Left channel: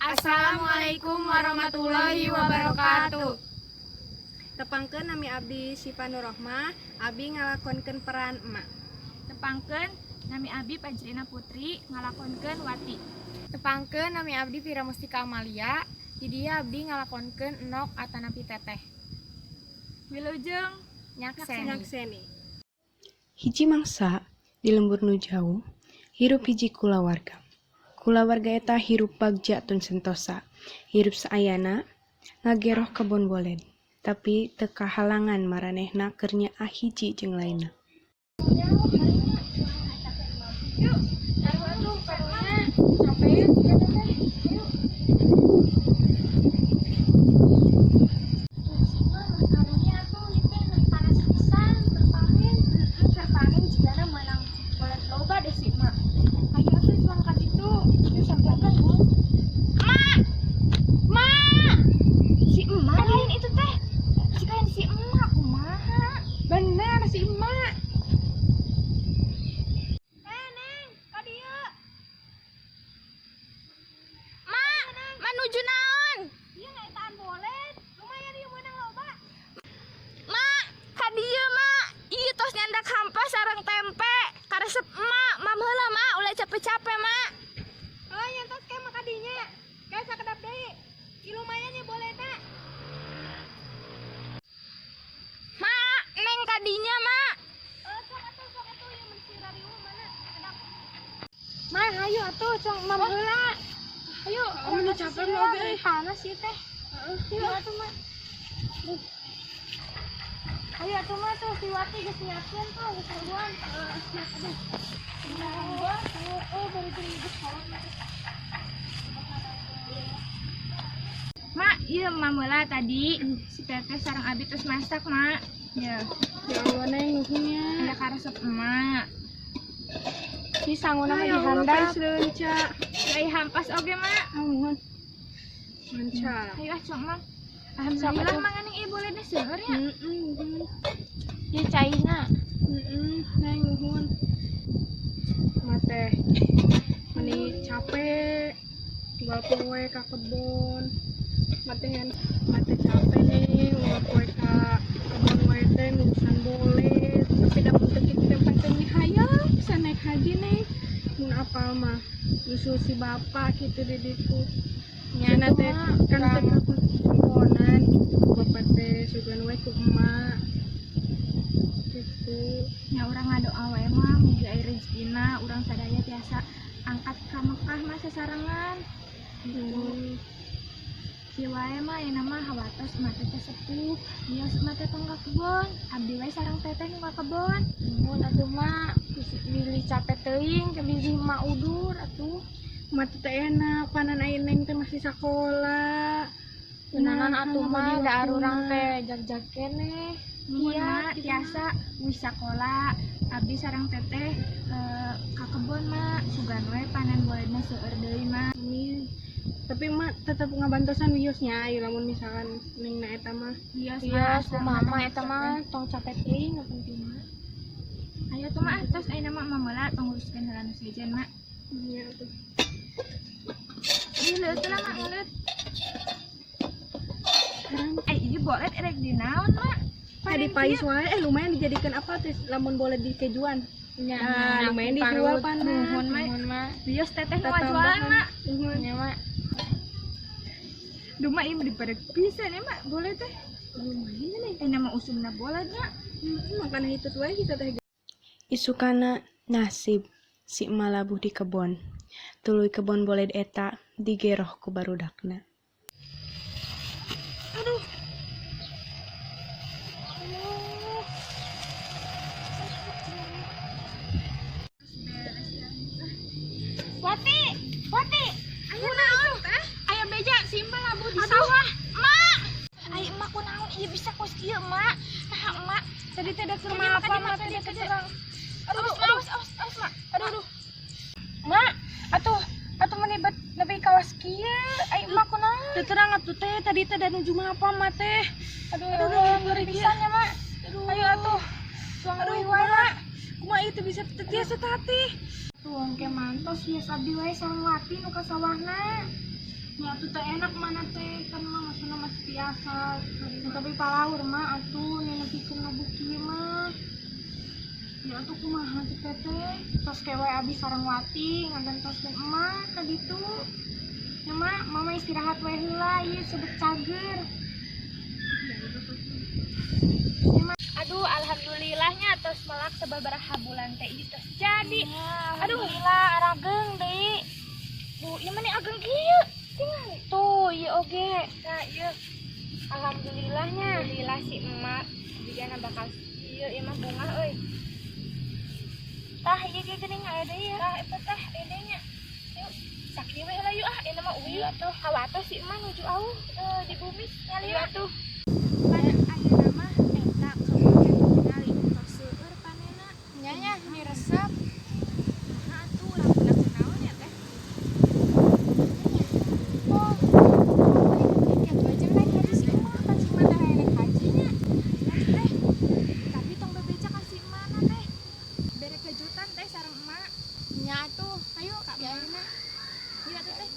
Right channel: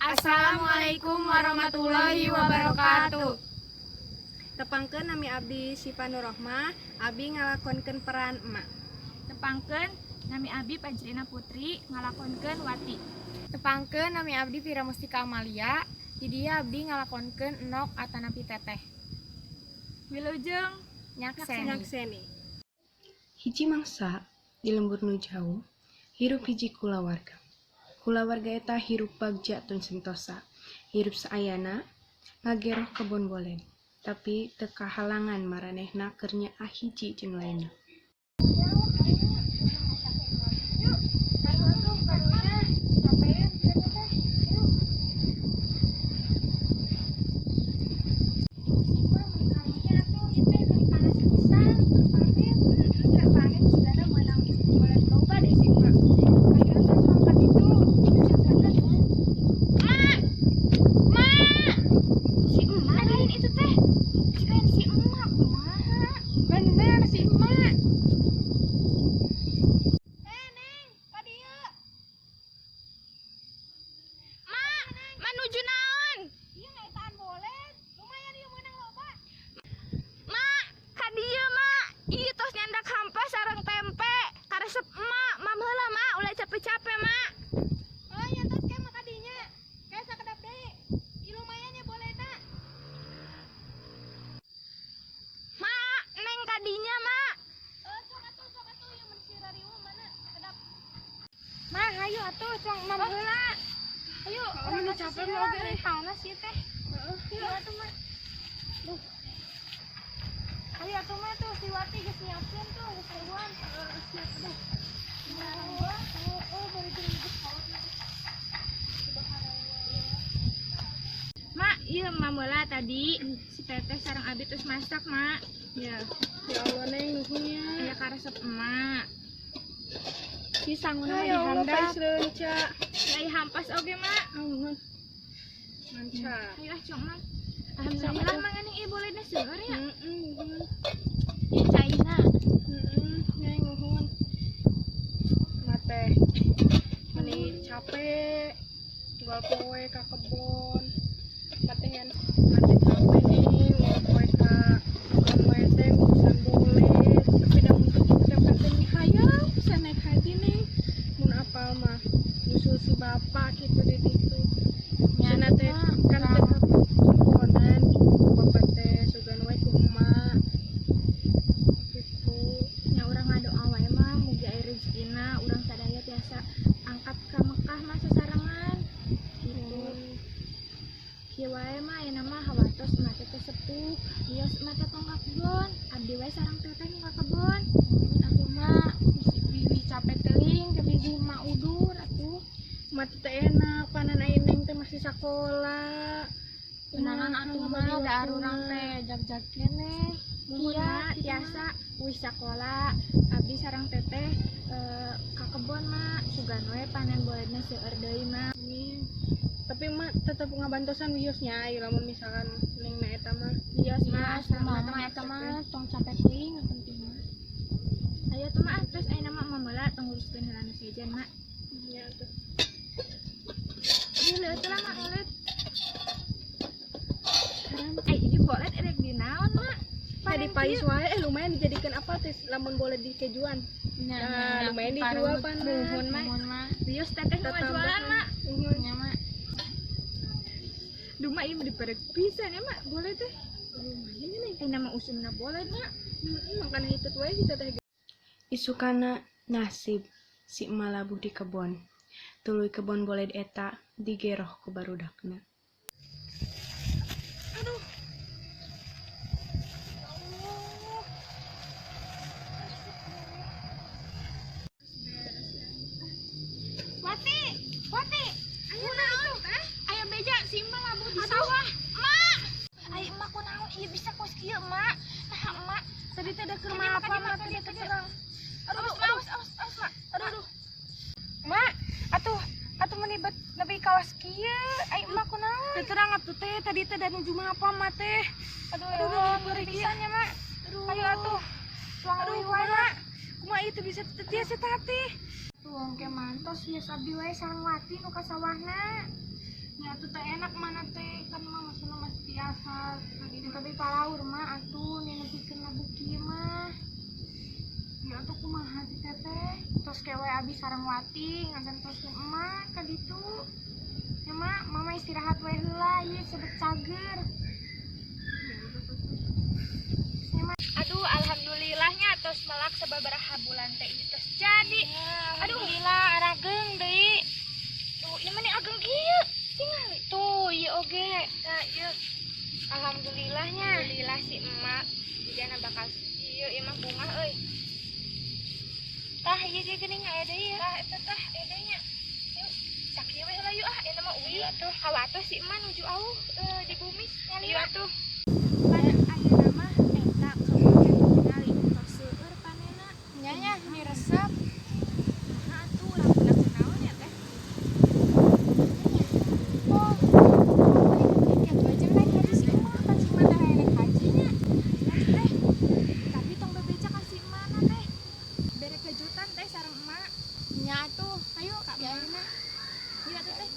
Assalamualaikum warahmatullahi wabarakatuh. Tepangkeun nami abdi Syifa Nurrohmah, abdi ngalakonkeun peran emak. Tepangkeun nami abdi Pajrina Putri ngalakonkeun Wati. Tepangkeun nami abdi Vira Mustika Amalia, di dia abdi ngalakonkeun Enok atanapi Teteh. Wilujeng Nyakseni. Hiji mangsa di lembur nu jauh, hirup hiji kulawarga. Kulawarga eta hirup bagja tun sentosa, hirup saayana ngageroh kebon boled, tapi teu kahalangan maranehna keur nyaah hiji jeung lainna. Bener si emak. menuju naon? Ieu ngaitaan boleh. Lumayan ieu meunang loba. Mak, ka dieu mak. Ieu tos nyandak hampa sareng tempe. Karesep emak, mamheula mak, ulah capek-capek mak. Oh, nyantos ke mah kadinya. Kayak sakedap deui. Ieu lumayan ya boleh tak? Mak, neng kadinya mak. Sok atuh ieu mun si rariu mana? Kedap. Mah, hayu atuh cong mam heula. Ayo, Anu capek mah oge. Panas sih teh. Ayo atuh mah. Ayo atuh mah tuh si Wati geus nyiapkeun tuh geus haruan. Aduh. Bari jeung geus kolot mah. Mak, ieu mamheula tadi si Teteh sareng Abi terus masak mak. Ya Allah neng nuhunnya. Aya karesep emak. Si sanguna mah Ya Allah dihandap. paisreunca. Ai hampas oge mak. Amuhun. Manca. Ayo cong mak. Alhamdulillah manganing ieu bolehna seueur ya. Nuhun. Ieu caina. Neng nuhun. Mate. Mani capek. Tinggal poe ka kebon. Mate capek. Ulah poe ka kebon poe teh ngurusan boleh. Tapi da mun teu dapat teh hayang bisa naik haji nih. Mun apa mah nyusul si bapak kitu di ditu. Cenah teh kan teh kebonan. Bapak teh sugan we ku emak. Gitu. Ya urang ngadoa wae mah mugi aya rezekina urang sadaya tiasa angkat ka Mekah mah sasarengan. Gitu. Kieu wae mah ayeuna mah hawatos mate teh sepuh, dios mate tong ka kebon. Abdi wae sareng Teteh nu ka kebon. Mun atuh mah bili capek teuing ke biji mak udur atuh. Mati teh enak, panan aing neng teh masih sakola. Tenanan atuh mah da arurang teh jag-jag keneh. Nuhun Iya, mak tiasa wis sakola. Abdi sareng Teteh ka kebon mak sugan we panen bolehna seueur deui mak. Amin. Tapi emak tetap ngabantosan wiosnya, ieu lamun misalkan neng na eta mah. Dios Iya, mah mama eta mah tong capek teuing nu penting mah. Ayo tuh mak, terus ayeuna mah mamela tong uruskeun heula nu sejen mak. Iya tuh. Ieu leuh lah mak ngeuleut. Ieu bolet erek di naon mak? Tadi pais wae lumayan dijadikan apa teh lamun boleh dikejuan. Nah, lumayan dijual panas. Nuhun mak. Bios Teteh nu ngajualan mak. Nya mah Duh mak ieu mah diperek pisan ya mak, boleh teh. Lumayan nih. Nama usumna boleh mak. Makan hitut wae kita teh. Isukana nasib si emak labuh di kebon. Tuluy kebon boled eta digeroh ku barudakna. Wati. Kunaon teh? Aya beja si emak labuh di sawah. Mak. Ai emak kunaon ieu bisa kos kieu emak. Nah emak tadi teh da keur apa mak tadi ke jurang. Awas mak. Aduh. Mak, atuh menibet nepi kawas kieu. Ai emak kunaon? Teh terang atuh teh tadi teh da nuju apa mah teh. Aduh, ngeri pisan ya mak. Ayo atuh. Tuang leuwih wae mak. Kumaha itu bisa teu tati. Tuang ke mantos biasa abdi wae sareng Wati nu ka sawahna. Ya atuh teh enak mana teh kan mah maksudna masih biasa. Tapi palaur mah atuh nenepikeun buki mah. Ya atuh kumaha teh teh. Tos kewe abis sareng wati ngantoskeun emak ka ditu. Ya mak, mama istirahat we heula ieu sebet cager. Aduh, alhamdulillahnya tos melak sababaraha bulan teh ieu tos jadi. Aduh, Alhamdulillah arageng deui. duh, ieu mah nih ageng kieu. Tingali. Tuh, ieu oge. Nah, ieu Alhamdulillahnya. alhamdulillah si emak jigana bakal ieu mah bunga euy. Tah ieu ge geuning aya deui. Tah eta tah edenya. Yuk, sakieu we heula yuk ah, ieu mah uwi atuh. Hawatos si emak nuju auh di bumi ngali atuh. Pan ayeuna mah eta kabupaten tingali tos seueur panena. Nya nya mi resep. Nah atuh urang pernah kenaon ya teh. Oh. Ya bajeng naik haji si emak kan si emak teh naik hajinya. Teh, tapi tong bebeja ka si mana teh. Bere kejutan teh sareng emak. Nya atuh, ayo Kak ya Mama. ayeuna. Iya atuh teh.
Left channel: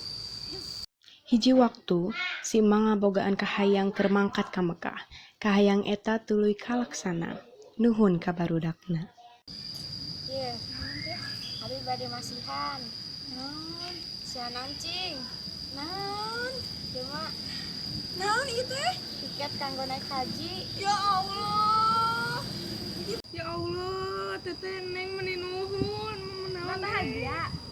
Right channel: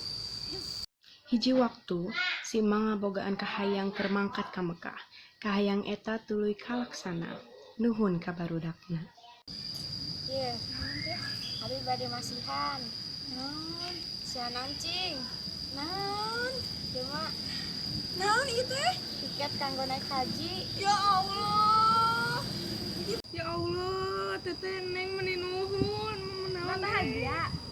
Hiji waktu si emang ngabogaan kahayang keur mangkat ka Mekah. Kahayang eta tuluy kalaksana. Nuhun ka barudakna. Ieu. Abi bade masihan. Naon? Sian cing. Naon? Ieu mah naon ieu teh? Tiket kanggo naik haji. Ya Allah. Ya Allah, teteh neng meni nuhun. Bahagia.